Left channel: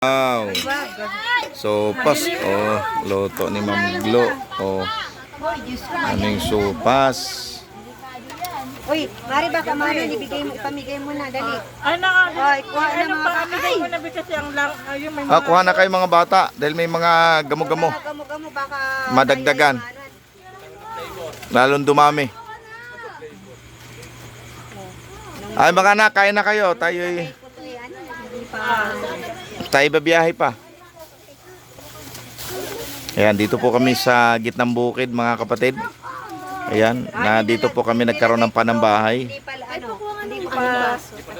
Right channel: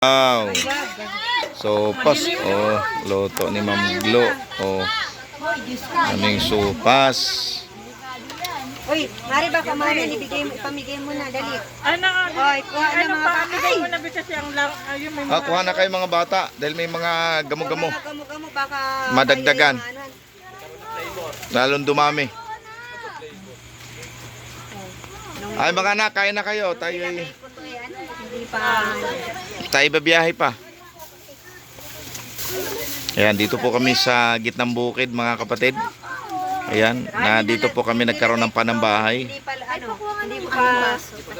Wow. Sopas. Oh, luto ni Ma'am Glo. Oh, aming sopas. Uy, mari ba kamanan ibigay mo, ipamigay mo na, dali. Ano nga? Hoy, kuha na mga Pamigay mo na kasi ang yung may Ah, kuha na kayo mga bata dahil may mga gamo-gamo. Gamo-gamo baka Madagdagan. Lalong dumami. Ay mga anak, kain na kayo. Hindi pa. Babiyahe pa. Ayan, dito po kami sa gitnang bukid mga kapatid. Ayan, na dito po kami nagkaroon ng panambahay. Hindi pa hindi pa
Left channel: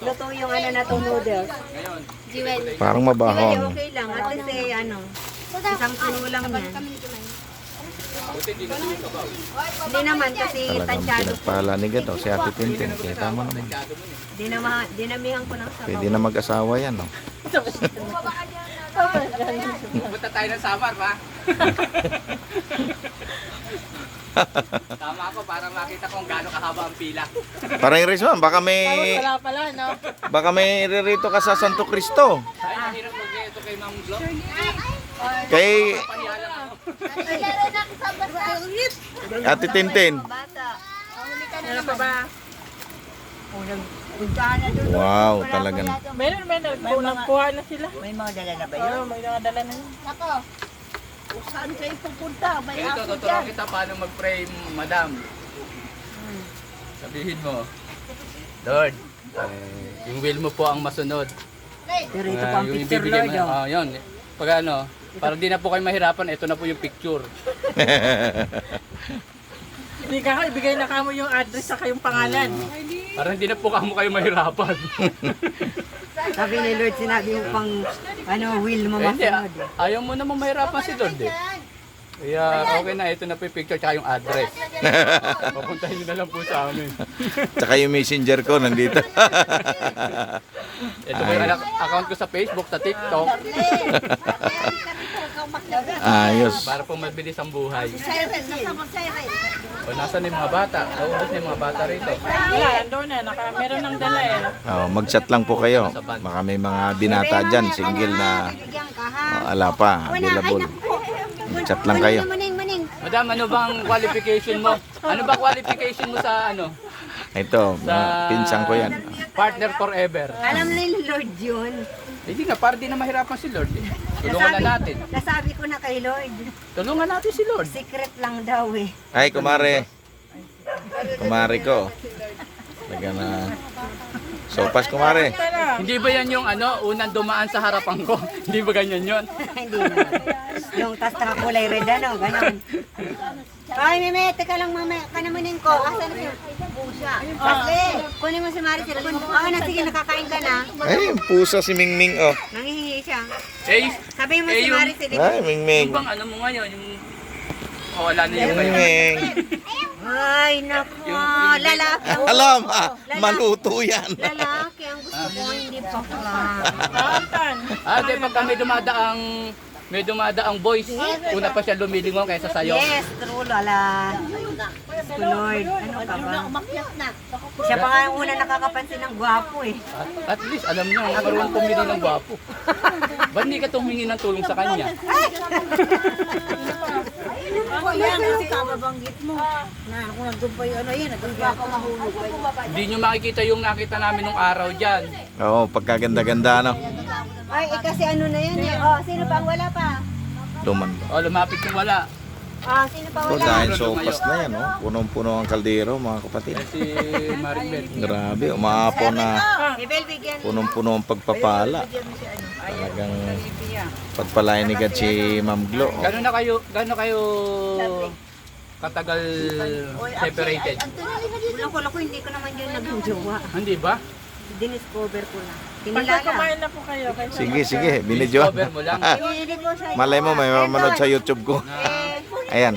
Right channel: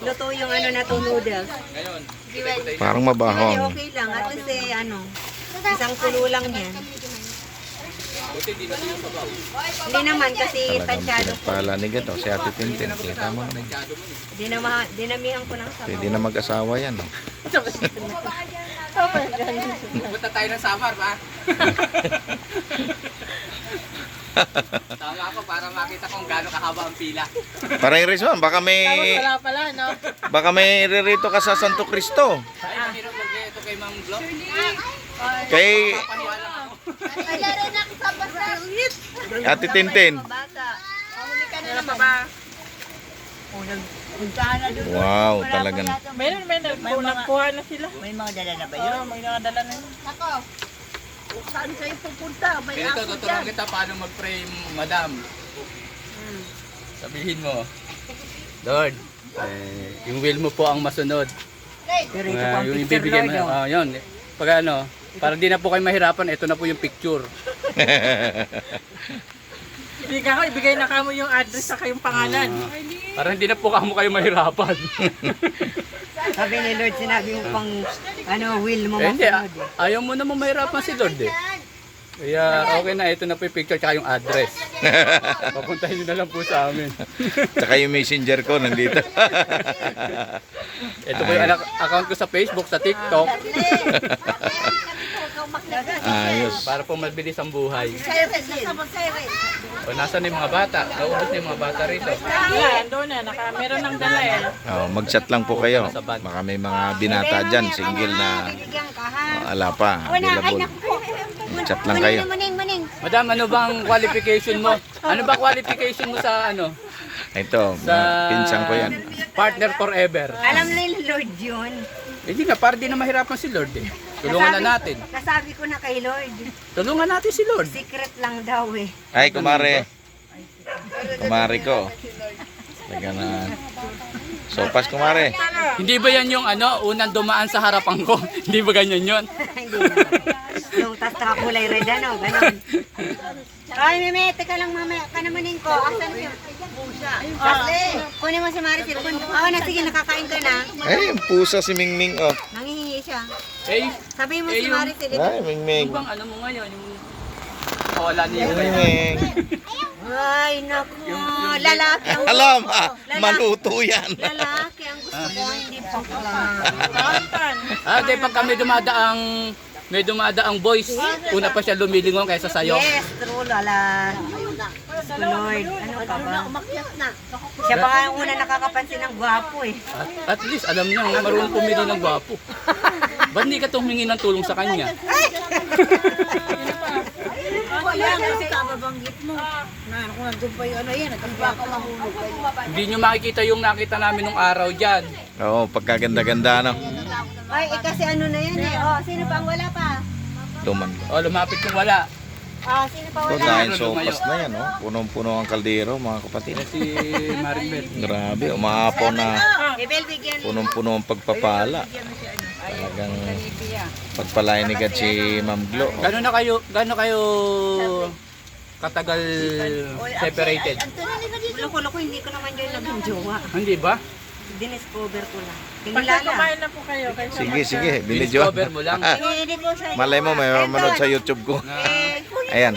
luto yung na to noodles. Parang mabaho. Hindi, okay lang. At least isang kulo lang yan. Hindi naman kasi Talagang tansyado. pinagpala ni Gato, si Ate Tintin. Kita mo naman. Dinamihan ko ng sabaw. Pwede na mag-asawa yan, no? Punta tayo ng Samar, ba? Tama ako para makita kung gaano kahaba ang pila. Parang Rizwan, baka wala pala, no? may ririto ka sa Santo Cristo. Ay, mahirap mag ito kay Ma'am Glo. Kay Ate Tintin. Huli ka na Ano naman. ba? Puntahan na doon. Wow, talagang May nagkuha na sila. May mga dala na ba Oo, may nakadala na yun. Ako, saan kayo pupunta? May Ito, tuturuan kita paano mag-pray, madam. Sabihin mo, Lord, yung will mo po ang masunod. Pero ito Ah, pa ang yung picture, ibibigay Lord. mo, yun. Pag ano, para di na po kayo mahirapan, ito na po yung picture. Hindi ka ibigay na kamo yung address sa kayong pangalan. Para hindi na po kamo kayo mahirapan. Sabi ni Lord, sinabi mo pang will mo Eh, hindi, masunod. ayaw mo naman mahirapan si Lord eh. Kaya okay na, ito na po yung picture tsaka yung address. Papuntahin nyo na lang po sa amin. Tsaka yung messenger ko nandito. Ito po yung account ko sa Facebook, sa TikTok, Ayos. para po mabilis ang buhay. Siren, nasabang siren. O nasa na yung mga bata? Naubos na yung mga bata rito. Wala, andun na. Meron ng dala eh. Oh, mag-chat lang po kayo. Baka may mga binata dyan, single na ala pa, available. Mag-chat lang kayo. Madam, ano bang qualification mo? Ano ba qualification mo sa ano? Ito, pinsang ko yan. Partner forever. Alam na ni Lord yun. Hindi nga, para di na mahirapan si Lord eh. Tulungan na natin. Nasabi ko na kay Lord. Tulungan natin si Lord. Secret lang daw eh. Ay, kumare. Kumare ko. Taga na. Sopas, kumare. Hindi ba yan yung ano, unang dumaan sa harapan ko? Hindi ba ganyan yun? Hindi na. Yung tas nakakulay red ganun. Ay, Meme, teka lang mamaya. Kanamunin ko. Asan yun? Pusa. Asli, kunin mo si Maricel. Oo na, sige, nakakain ka na. Ay, yung pusa si Mingming, oh. Nangihingi siya. Eh, Sabi mo Eh, si yung- Maricel. Ay, Mingming. yung bang ano mo ngayon, yung wala na yun. Mingming. Ay, naku. Lalaki. Alam, maluto yan. Lalaki. Ang gusto ko, hindi bakla. Di pag may dumadaang boys, una pa siya lumilingon kaysa sa'yo. Yes, true, Lala. Lord, ano ka ba? Siya pa nga yung una nakakapansin ng gwapo eh. At least alam niya, marunong pumili ng gwapo. Ba't hindi ka tumingi ng tulong sa kanya? Wala kasi kababanggit mo. Na, kung nandun pa yung yan, nandun pa ako mahulog kayo. Hindi nyo makikita yung nakita namin nung araw dyan. Oo, pagkaganda-ganda, no? Ay, kasi ano na yan eh. Oh, sino pa ang wala pa? Luman ko. O, lumapit yung wala. Ah, sino pa So, wala? dahil sopas na yan, oh. Punong-puno ang kaldero, mga kapatid. Si Maribel. Grabe, umaapaw na Bebel, bigyan. punong-puno ang pagpapala. Talagang pagpalain ni God si Ma'am Glo. Oh. Gano'n kayo katagal separated? Loko-loko, hindi ko naman yun naging jowa. Hindi ba? Diniscover ko lang. Pagka Tingilala. kumain na po kayo. Sige, binidyo. Discover mo lang. Pinidit mo siya. Malay mo, may manood sa YouTube ko. Ayan,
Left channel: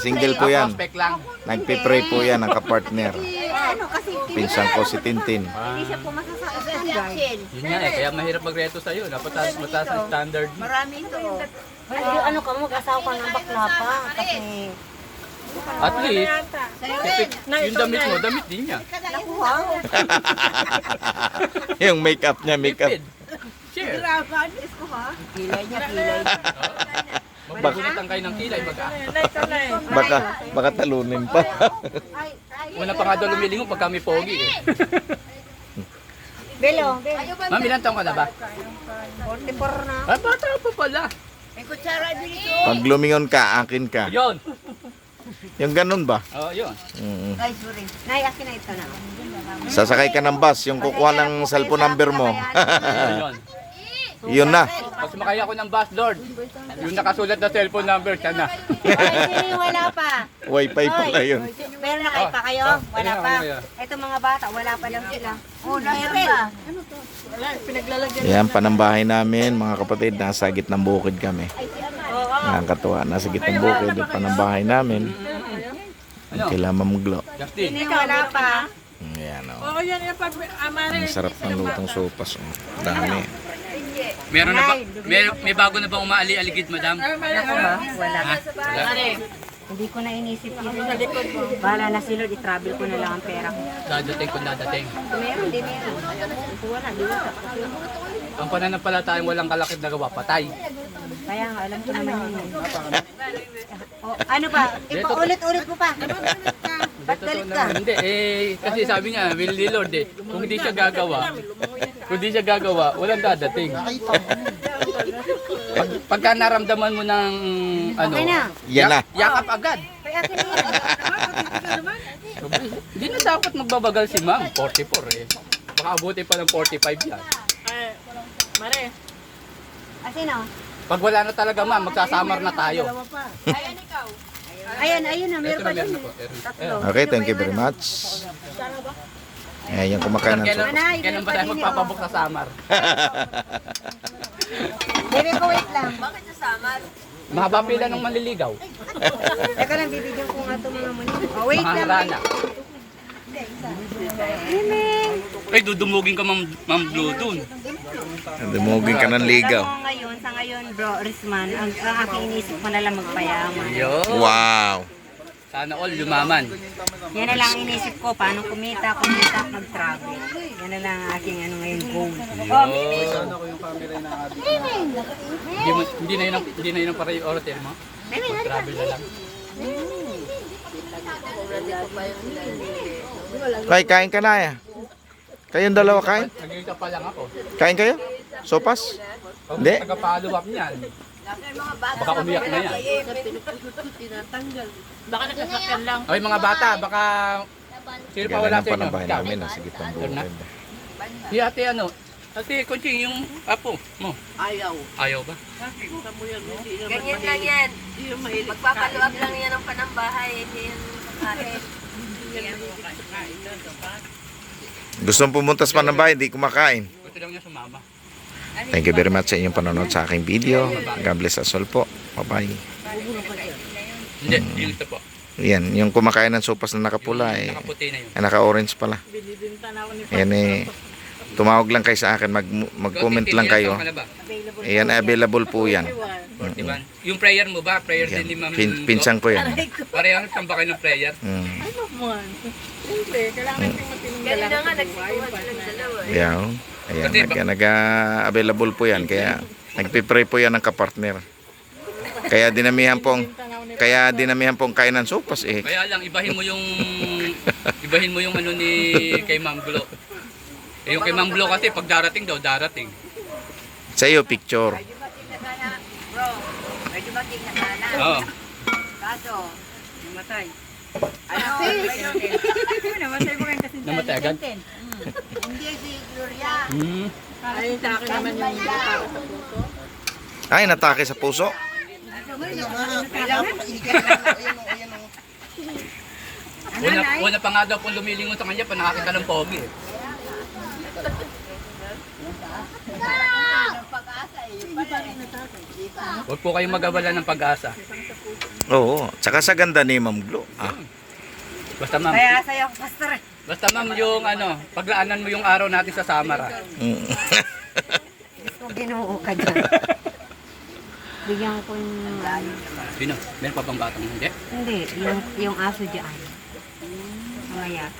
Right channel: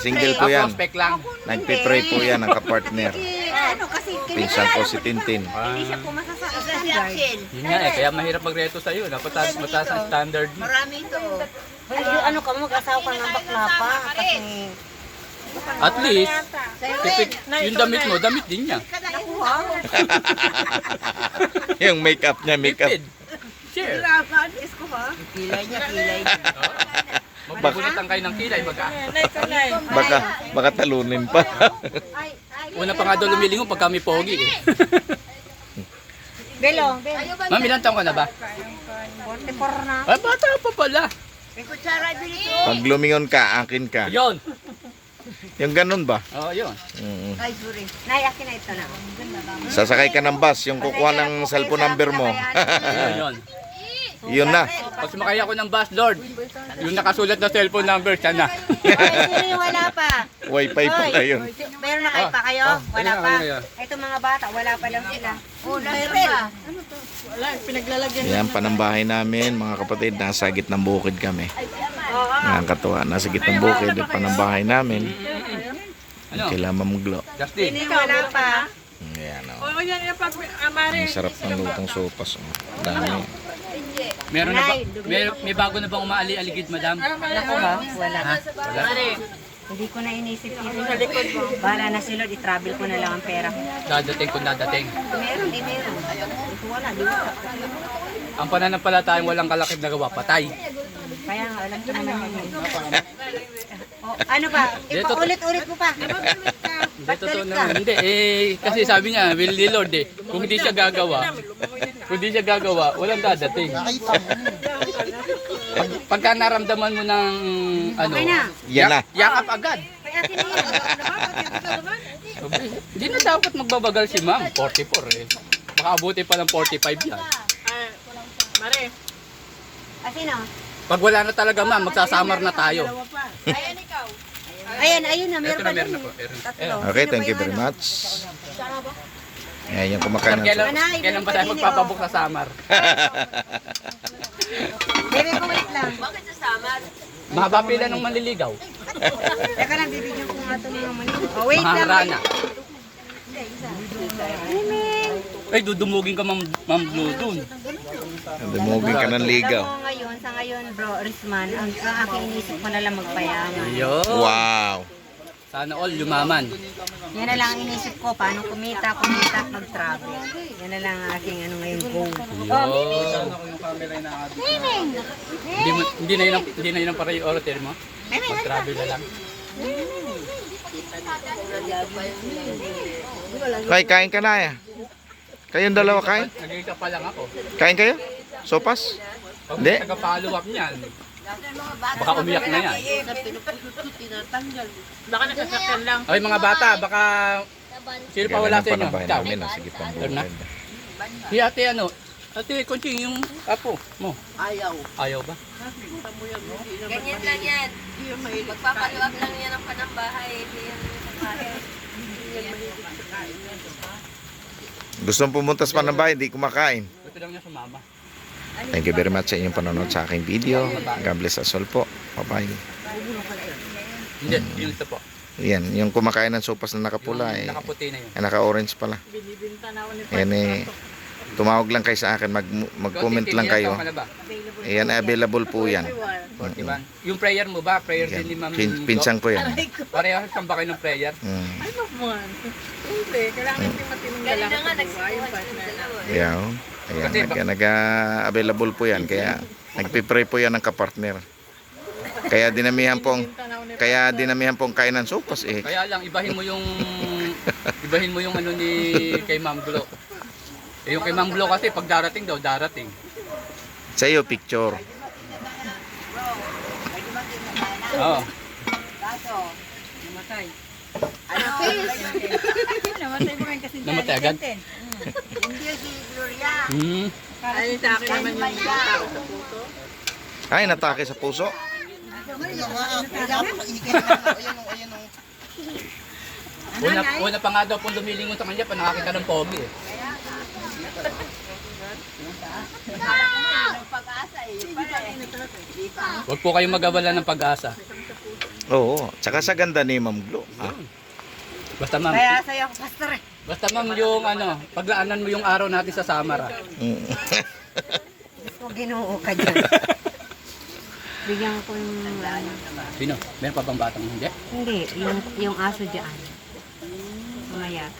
single po yan. Prospect lang. Nagpipray po yan ang kapartner. Ano kasi, Pinsan ko si Tintin. hindi siya pumasa sa standard. Yun nga eh, kaya mahirap magreto sa'yo. Dapat mataas ang standard mo. Marami ito. Ano ka mo, mag-asawa ka ng bakla pa. Kasi, At least, yung damit mo, damit din niya. nakuha. Yung makeup niya, makeup. Tipid. Share. Kilay niya, kilay niya. Magbubunutan kayo ng kilay, baga. Baka talunin pa. Una pa nga doon lumilingon pag kami pogi eh. Belo, Ma'am, ilan taong ka na ba? 44 na. Ay, bata pa pala. Pag lumingon ka, akin ka. Yun. Yung ganun ba? Oo, yun. Mm. Ay, sorry. Nay, akin na ito na. Sasakay ka ng bus, yung kukuha ng cellphone number mo. Yun. Yun na. Pag sumakay ako ng bus, Lord, yung nakasulat na cellphone number, siya na. Ay, sino yung wala pa? Wi-Fi pala yun. Meron na kayo pa kayo? Wala pa. Ito mga bata, wala pa lang sila. Oh, meron. Yan, panambahay namin, mga kapatid, nasa gitnang bukid kami. Nakakatuwa, nasa gitnang bukid, panambahay namin. Ano? Kailangan mamuglo. Justin. Sino wala pa? Ayan, oh. Oo, yan yung Ang sarap ng lutong sopas. Oh. Dami. Meron na ba? May bago na bang umaali-aligid, madam? Ako ha? Wala. Wala. Hindi ko na inisip yun. Bahala na sila, i-travel ko na lang ang pera ko. Dadating kung dadating. Meron, di meron. Wala, di wala. Ang pananampalatayang walang kalakip na gawa, patay. Kaya nga, alam ko naman yun. Oh, ano pa? Ipaulit-ulit mo pa. Ba't galit ka? Hindi, kasi sabi niya, will the Lord eh. Kung hindi siya gagawa, walang dadating. Pagka naramdaman mo ng ano, Okay na. Yan na. yakap agad. Kaya akin na yan. Hindi na dapat magbabagal si ma'am, 44 eh. Baka abuti pa ng 45 yan. Mare. Asino? Pag wala na talaga ma'am, magsasamar na tayo. Ayan, ayun na. Ito Meron na pa meron din. na po. Okay, thank you very much. Ayan, yung kumakain ng sopas. Kailan ba tayo magpapabok sa samar? Bebe ko, wait lang. Mahaba pila ng manliligaw. Teka lang, bibigyan ko nga ito mga mani. Oh, wait lang. Maharana. Ay, dudumugin ka ma'am Blue dun. Dumugin ka ng ligaw. Sa ngayon, bro, Risman, ang aking inisip ko na lang magpayaman. Yo. Wow. Sana all yumaman. Yan na lang ang inisip ko, paano kumita, mag-travel. Yan na lang ang aking ano ngayon goal. Hindi na yun ang priority mo. Travel na lang. Kay, kain ka na ya. Kayong dalawa kain? Nag-isa pa lang ako. Kain kayo? Sopas? Pag Hindi. taga-follow up niyan, baka umiyak na yan. Baka nakasakyan lang. Ay mga bata, baka sino pa Galing wala ang sa inyo? panambahay namin, nasa gitnang bukid. Si ate ano? Ate Kunching, yung apo mo. Ayaw ba? Ganyan lang yan. Magpapaluwag lang yan ang panambahay. Hindi yan kakain. Gusto mong pumunta sa panambahay, hindi kumakain. Gusto lang na sumama. Thank you very much sa inyong panonood sa aking video. God bless us all po. Bye-bye. Hindi, yung ito po. Yan, yung kumakain ng sopas na nakapula eh. Nakaputi na yun. Ay, naka-orange pala. Binibinta na ako ni Ayan eh. Tumawag lang kayo sa akin, mag-comment lang kayo. Ayan, available po yan. Diba? Yung prayer mo ba? Prayer Yan. din ni Ma'am. Pinsang ko yan. Parehas kang ba kayo ng prayer? Ano mo? Hindi, kailangan natin matinong lalaki sa buhay. Yung partner. Yan. Ayan, nag-available po yan. Kaya nagpipray po yan ng kapartner. Kaya dinamihan pong kain ng sopas eh. Kaya lang, ibahin mo yung ano ni kay Ma'am Glo. Eh, yung kay Ma'am Glo kasi pag darating daw, darating. Sa iyo, picture. Oo. Kaso, namatay. Namatay agad? Hindi si Gloria. Ayun sa akin naman yung tao sa puso. Ay, natake sa puso. Una pa nga daw kung lumilingon sa kanya, pa nakakita ng pogi eh. Huwag po kayong mag-abala ng pag-asa. Oo, tsaka sa ganda ni Ma'am Glo. Basta ma'am, Kaya sa'yo ako, pastor eh. basta ma'am yung ano, paglaanan mo yung araw natin sa Samara. Gusto ginoo ka dyan. Bigyan ko yung ano. Sino? Meron pa bang batang hindi? Hindi, yung aso dyan. Mamaya.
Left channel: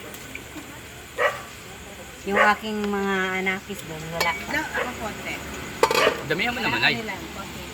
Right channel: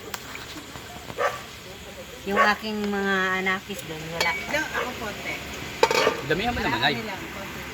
Yung aking mga anakis doon, wala pa. Damihan mo naman ay. Ano lang, konti.